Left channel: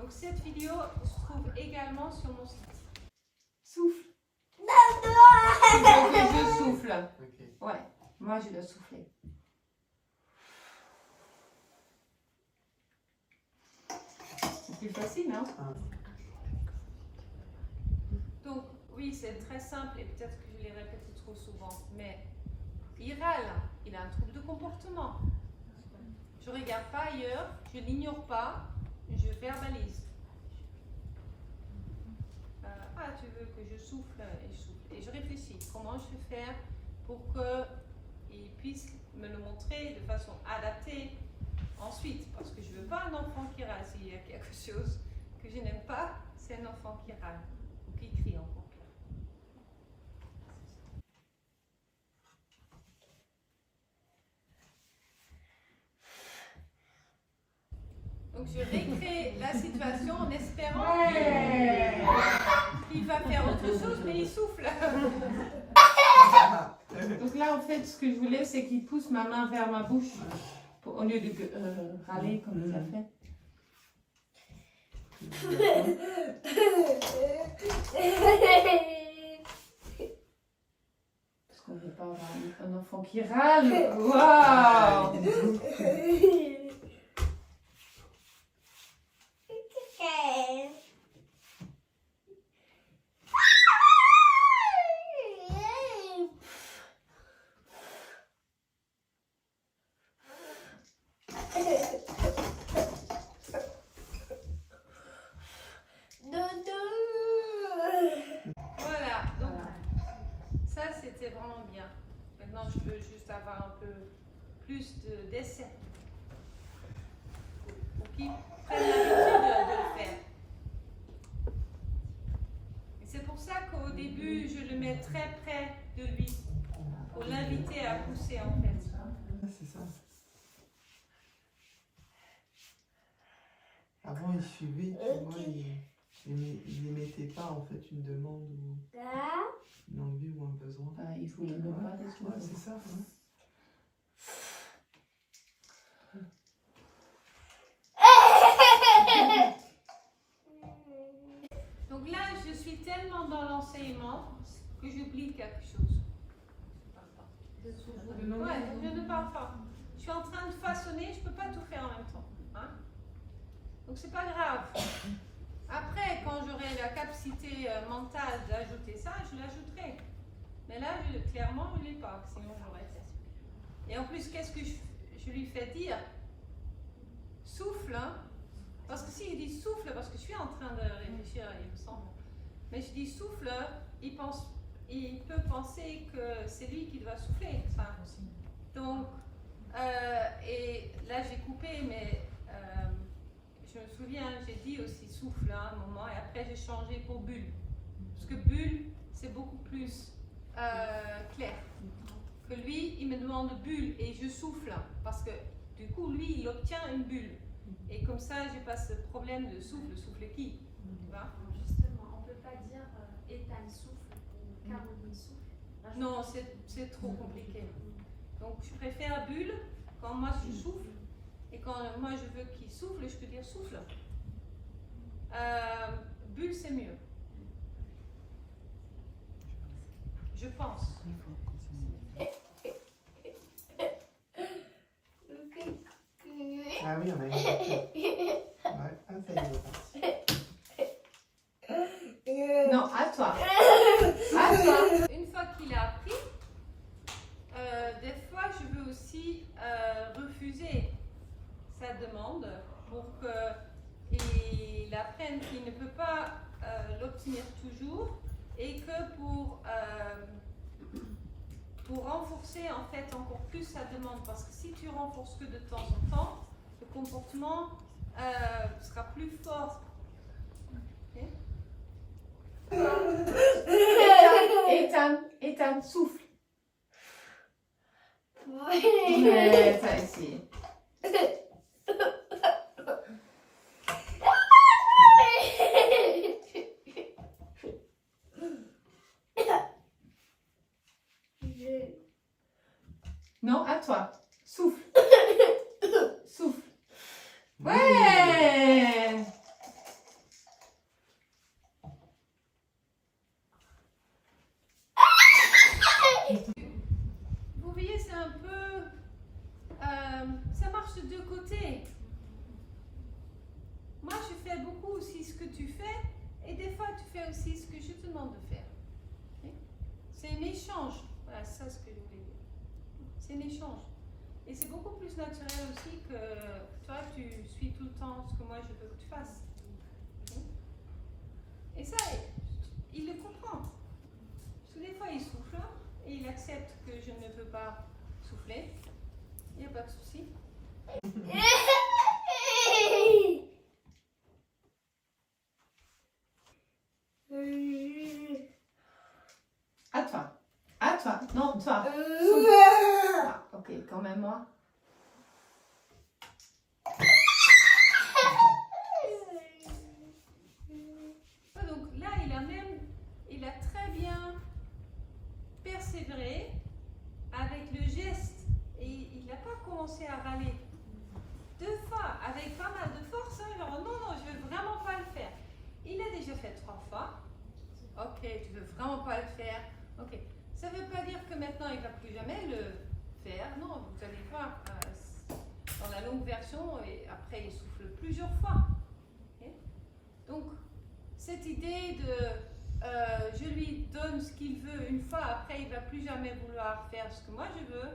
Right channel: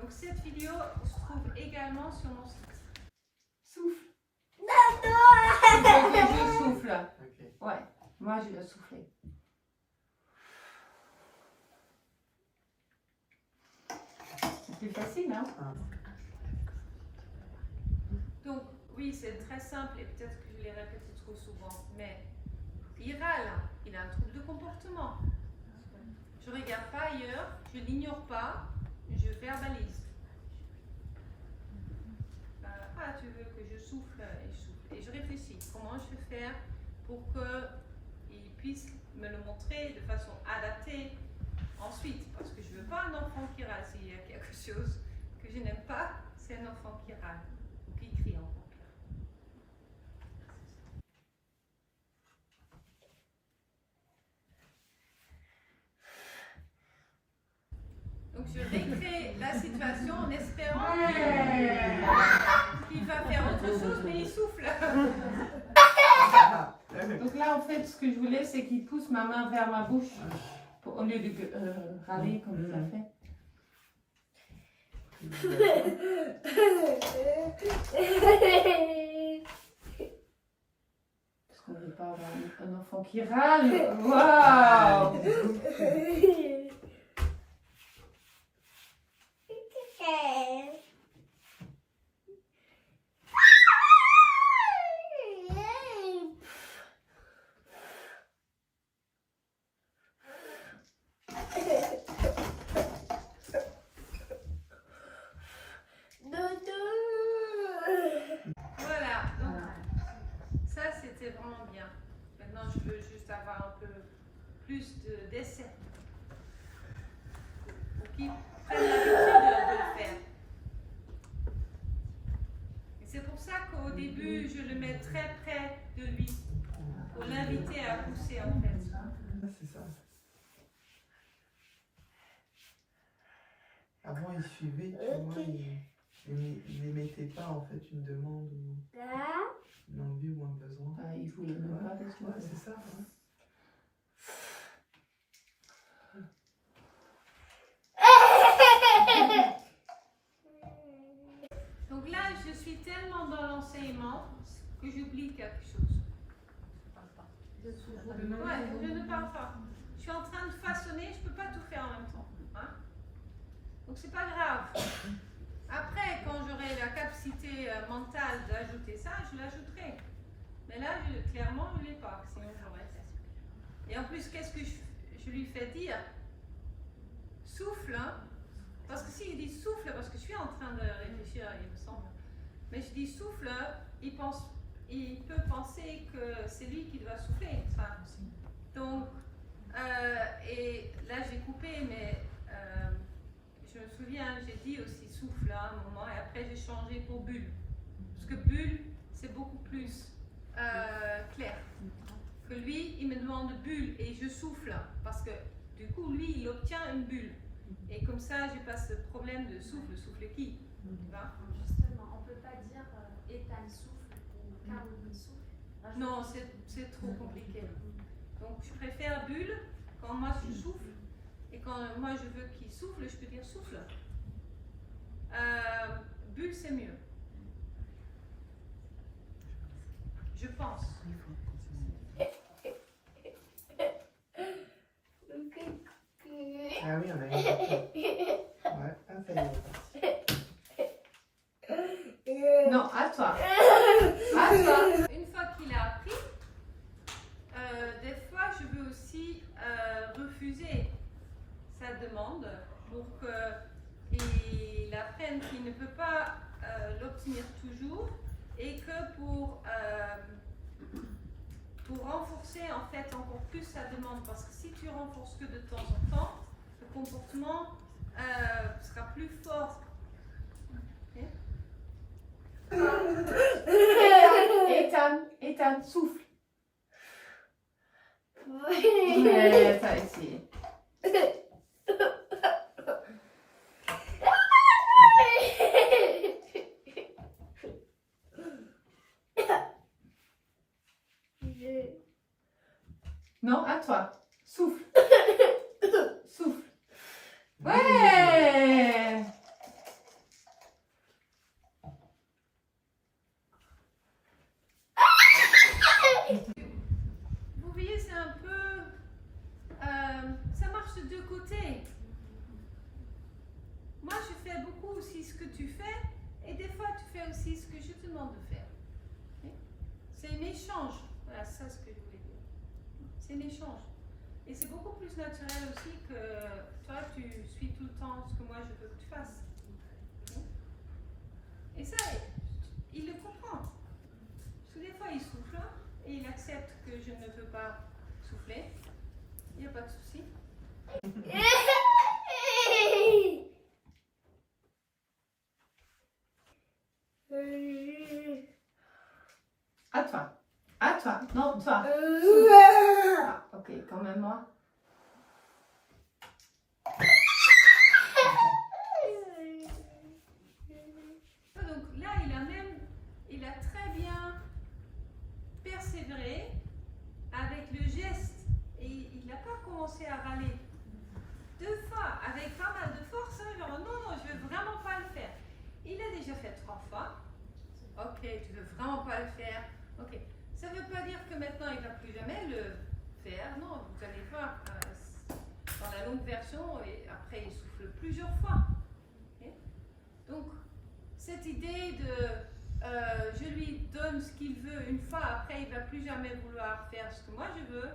Donc cette vidéo se trouve également sur mon site. Souffle. Il faut que je souffle. Ok. Ouais, moi je dois souffler. C'est plus facile, hein? Donc, oui, c'est très simple et peut-être que je l'ai répété trop souvent, mais il râle, il a un trouble de comportement. Je ne regarde pas ailleurs, je l'ignore pas, je verbalise. Ah, tu veux que je souffle et je souffle. Et je réfléchis, comment je vais faire pour qu'il puisse me le montrer de façon adaptée ensuite. Parce que je ne veux pas un enfant qui râle. S'il y a quelque chose que je n'aime pas, c'est un enfant qui râle ou qui crie encore pire. Donc je récrée la situation en espérant qu'il va faire autre chose, mais il souffle. Donc là, en fait, ce que je voulais, c'est qu'il pousse ma main vers ma bouche au lieu de râler comme il a fait. Parce qu'on ne veut pas avoir un enfant qui râle. Waouh! Voilà, donc ça c'était vraiment bien. Maintenant je peux juste avoir un peu plus d'essais pour qu'ils prennent l'habitude de le faire. Et c'est pour ça qu'au début je le mets très près de lui pour l'inviter à pousser en fait. C'est ça. Avant, il suivait, tu vois, il n'émettait pas en fait une demande ou une envie ou un besoin. Il voulait même pas qu'est-ce Ouais, c'est ça. Hein. Donc là, je suis tellement dans l'enseignement que j'oublie quelque chose. Ouais, je ne parle pas. Je suis en train de façonner, je ne peux pas tout faire en même temps. Hein? Donc c'est pas grave. Après, quand j'aurai la capacité mentale d'ajouter ça, je l'ajouterai. Mais là, clairement, je ne l'ai pas, sinon j'aurais fait. Et en plus, qu'est-ce que je lui fais dire? Souffle, hein? Parce que s'il dit souffle, parce que je suis en train de réfléchir, il me semble. Mais je dis souffle, il peut penser que c'est lui qui doit souffler. Enfin, donc, et là j'ai coupé, mais je me souviens, j'ai dit aussi souffle à un moment, et après j'ai changé pour bulle. Parce que bulle, c'est beaucoup plus clair. Que lui, il me demande bulle et je souffle, parce que du coup, lui, il obtient une bulle. Et comme ça, j'ai pas ce problème de souffle qui. Tu vois? Justement, on ne peut pas dire Ethan souffle ou Caroline souffle. Non, c'est trop compliqué. Donc, je préfère bulle quand moi je souffle. Et quand moi je veux qu'il souffle, je peux dire souffle. Bulle, c'est mieux. Je pense. Ah oui, on a une ouais, ah, ça y est. Non, à toi. À toi. Une fois qu'il a appris, des fois je veux aussi refuser sa demande pour qu'il apprenne qu'il ne peut pas l'obtenir toujours et que pour renforcer en fait encore plus sa demande, parce que si tu renforces que de temps en temps, le comportement sera plus fort. Okay? Ethan, souffle. Ouais, t'as essayé. Non, à toi. Souffle. Souffle. Ouais. aussi ce que tu fais et des fois tu fais aussi ce que je te demande de faire. Okay? C'est un échange. Voilà, c'est ça ce que je voulais dire. C'est un échange. Et c'est beaucoup plus naturel aussi que toi, tu suis tout le temps ce que moi je veux que tu fasses. Okay? Et ça, il le comprend. Parce que des fois, il souffle et il accepte que je ne peux pas souffler. Il n'y a pas de souci. À toi. À toi. Non, toi. Ah, ok, quand même moi. Donc là, il a très bien persévéré avec le geste et il n'a pas commencé à râler. 2 fois, avec pas mal de force, hein, genre non, je veux vraiment pas le faire. Il a déjà fait 3 fois. Ok, tu veux vraiment pas le faire. Ok, ça veut pas dire que maintenant il va plus jamais le faire. Non, vous allez voir dans la longue version et après il souffle plusieurs fois. Okay? Donc cette idée de je lui donne ce qu'il veut une fois, après il va plus jamais vouloir faire ce que moi je veux,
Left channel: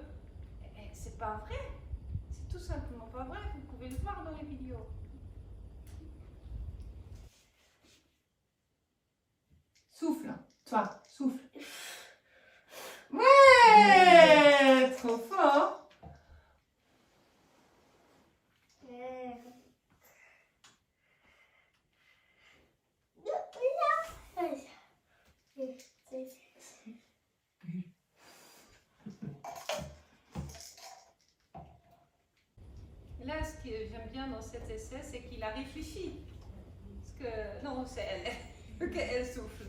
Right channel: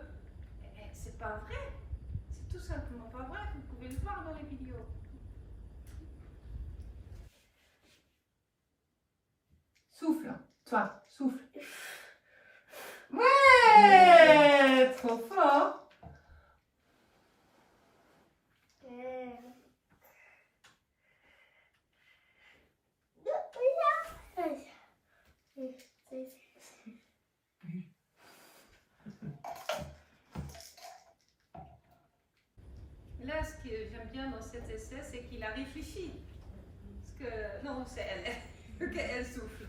c'est pas vrai. C'est tout simplement pas vrai. Vous pouvez le voir dans les vidéos. Souffle, toi, souffle. Ouais, trop fort. Là, ce que j'aime bien dans cet essai, c'est qu'il a réfléchi. Parce que, non, c'est elle. Elle souffle.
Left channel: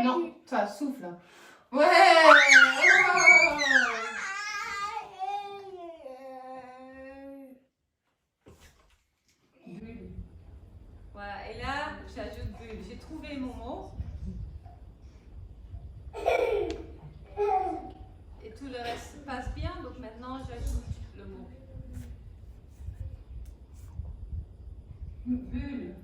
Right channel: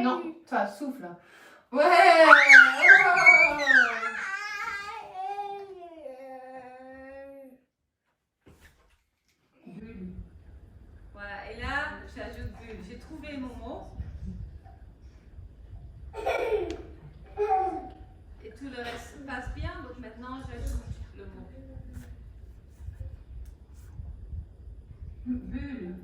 Non, toi, souffle. Ouais. Bulle. Voilà, et là, j'ajoute bulle. J'ai trouvé mon mot. Et tout le reste passe bien, donc maintenant j'ajoute le mot. Bulle.